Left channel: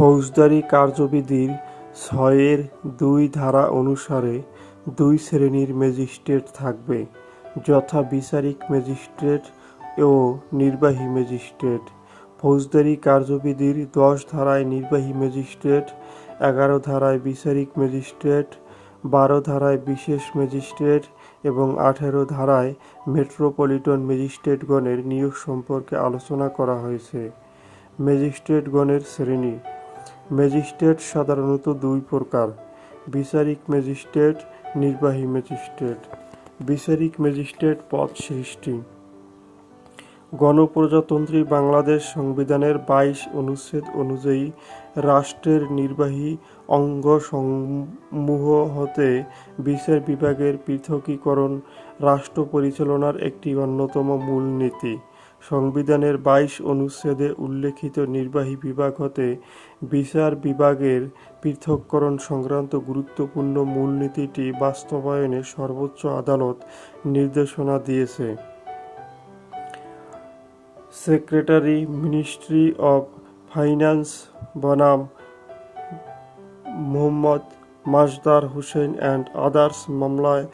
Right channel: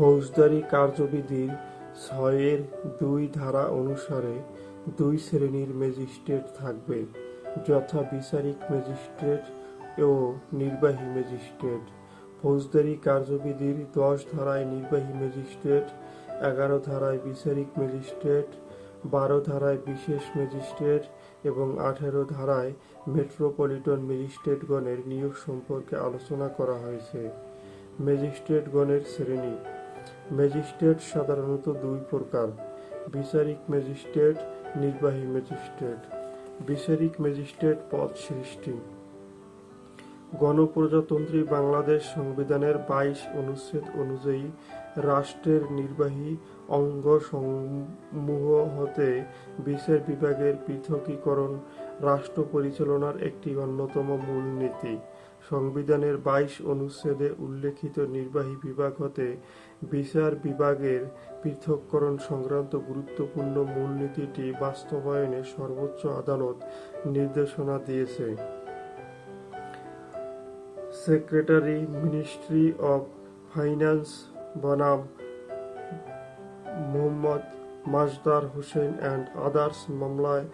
ফৌজদারি কার্যবিধির ছয়ের দুই ধারা অনুসারে দুই শ্রেণির ম্যাজিস্ট্রেট থাকবে, যথা বিচারিক ম্যাজিস্ট্রেট ও নির্বাহী ম্যাজিস্ট্রেট। ফৌজদারি কার্যবিধির দশ ধারায় নির্বাহী ম্যাজিস্ট্রেট, এগারো ধারায় বিচারিক ম্যাজিস্ট্রেট, বারো ধারায় বিশেষ ম্যাজিস্ট্রেট এবং আঠেরো ধারায় মেট্রোপলিটন ম্যাজিস্ট্রেটগণের নিয়োগ সম্পর্কে আলোচনা করা হয়েছে। ম্যাজিস্ট্রেটগণের শ্রেণি ম্যাজিস্ট্রেট সাধারণত দুই প্রকার, বিচারিক ম্যাজিস্ট্রেট, নির্বাহী ম্যাজিস্ট্রেট। বিচারিক ম্যাজিস্ট্রেট পদ সৃষ্টি। গণপ্রজাতন্ত্রী বাংলাদেশ সংবিধানের বাইশ অনুচ্ছেদ অনুযায়ী রাষ্ট্রের নির্বাহী অঙ্গ সমূহ হতে বিচার বিভাগের পৃথকীকরণ, রাষ্ট্র পরিচালনার একটি অন্যতম মূলনীতি। সংবিধানের বাইশ অনুচ্ছেদে উল্লেখিত নির্বাহী বিভাগ হতে বিচার বিভাগের পৃথককরণ সংক্রান্ত গুরুত্বপূর্ণ মূলনীতিটি বাস্তবায়নে সর্বোচ্চ আদালত নির্দেশনা দিয়েছে। সেক্রেটারি মিনিস্ট্রি অব ফাইন্যান্স বনাম মোহাম্মদ মাজদার হোসেন অ্যান্ড আদার্স মামলায়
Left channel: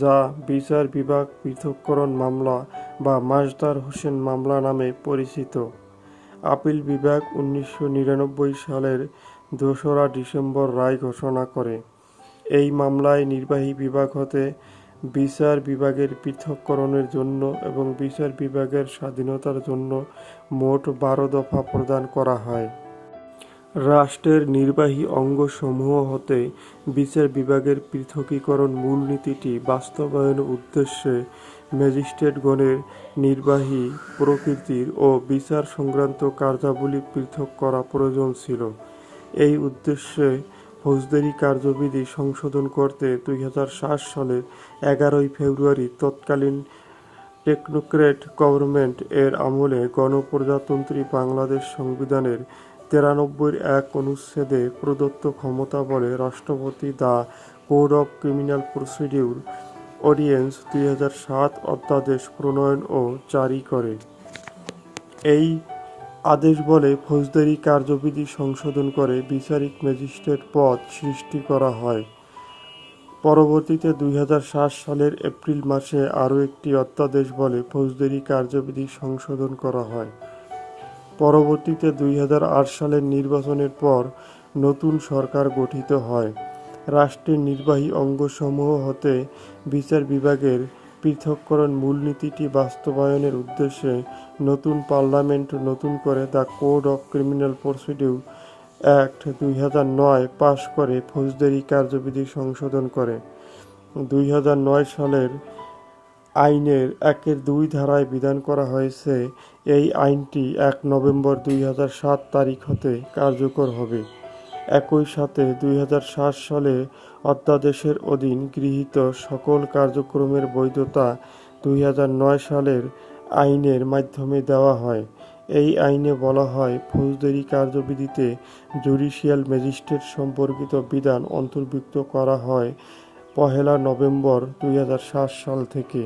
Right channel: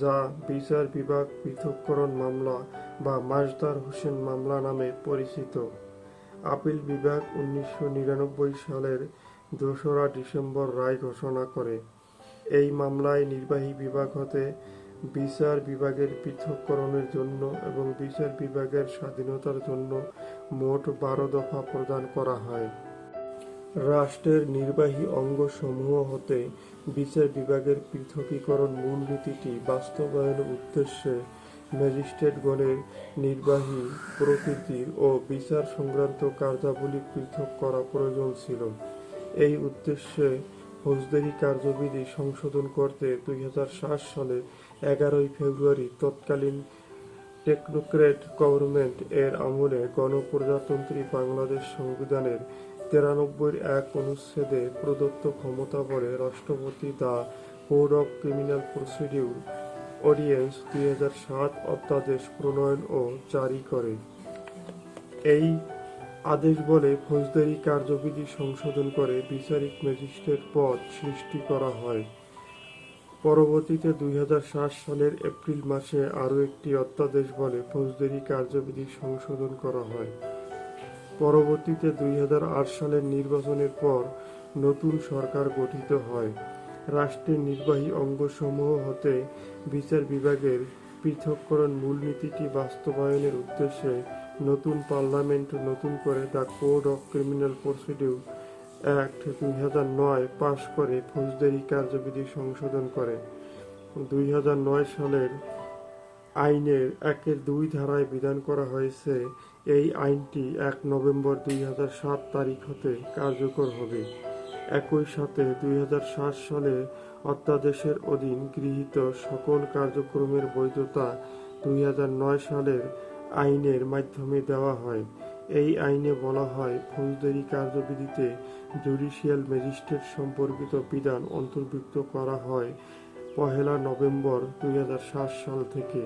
যা বিচার বিভাগ পৃথককরণ মামলা বা মাজদার হোসেন মামলা নামে পরিচিত। আপিল বিভাগ উনিশশো নিরানব্বই সালের দোসরা ডিসেম্বর রায় ঘোষণা করে, এই মামলায় নির্বাহী বিভাগ হতে বিচার বিভাগের পৃথককরণের জন্য এবং বিচার বিভাগের স্বাধীনতার জন্য মোট বারো দফা প্রদান করা হয়। রাষ্ট্রের নির্বাহী অঙ্গসমূহ হতে বিচার বিভাগের পৃথকীকরণ মূলনীতিটি বাস্তবায়নের উদ্দেশ্যে ম্যাজিস্ট্রেটগণের নির্বাহী প্রকৃতির ও বিচার সংক্রান্ত কার্যাবলী পৃথক করা প্রয়োজন ছিল। এই উদ্দেশ্যে ফৌজদারি কার্যবিধি সংশোধন করতে দুই হাজার সাত সালের এগারোই ফেব্রুয়ারি তৎকালীন টেকনোক্রেট গভর্নমেন্ট এর আমলে গণপ্রজাতন্ত্রী বাংলাদেশ সংবিধানের তিরানব্বইয়ের এক অনুচ্ছেদে প্রদত্ত ক্ষমতা বলে রাষ্ট্রপতি the code of criminal procedure audience দুই সাত অধ্যাদেশ প্রণয়ন ও জারি করে। এই আদেশ বলে ফৌজদারি কার্যবিধি সংশোধন করে বিচারিক ম্যাজিস্ট্রেট পদ সৃষ্টি করা হয়। পরবর্তীতে দুই হাজার সাত সালের এপ্রিল মাসে আরও একটি অধ্যাদেশ বলে ফৌজদারি কার্যবিধি সংশোধন করা হয়। পরবর্তীতে দুই সালের নির্বাচনের পর নতুন সরকার গঠিত হয়। রাষ্ট্রের নির্বাহী অঙ্গসমূহ হতে বিচার বিভাগের পৃথককরণ মূলনীতিটি বাস্তবায়নের উদ্দেশ্যে নতুন পার্লামেন্ট নতুন করে the code of criminal procedure act দুই নয় পাশ করে ফৌজদারি কার্যবিধি সংশোধন করে। দুই সালের আইনের একের দুই ধারায় বিধান করা হয়েছে, এই আইনটি এক নভেম্বর দুই তারিখ হতে কার্যকর হবে। একই সাথে দুই হাজার সাত সালে অধ্যাদেশের অধীন গৃহীত সকল কার্যক্রমের বৈধতা দুই হাজার নয় সালের আইনের মাধ্যমে দেওয়া হয়। এই আইনে বলা হয়, ফৌজদারি কার্যবিধিতে জুডিশিয়াল ম্যাজিস্ট্রেট সম্পর্কিত বিধান অন্তর্ভুক্ত করা হয় পহেলা নভেম্বর দুই হাজার সাত সাল থেকে।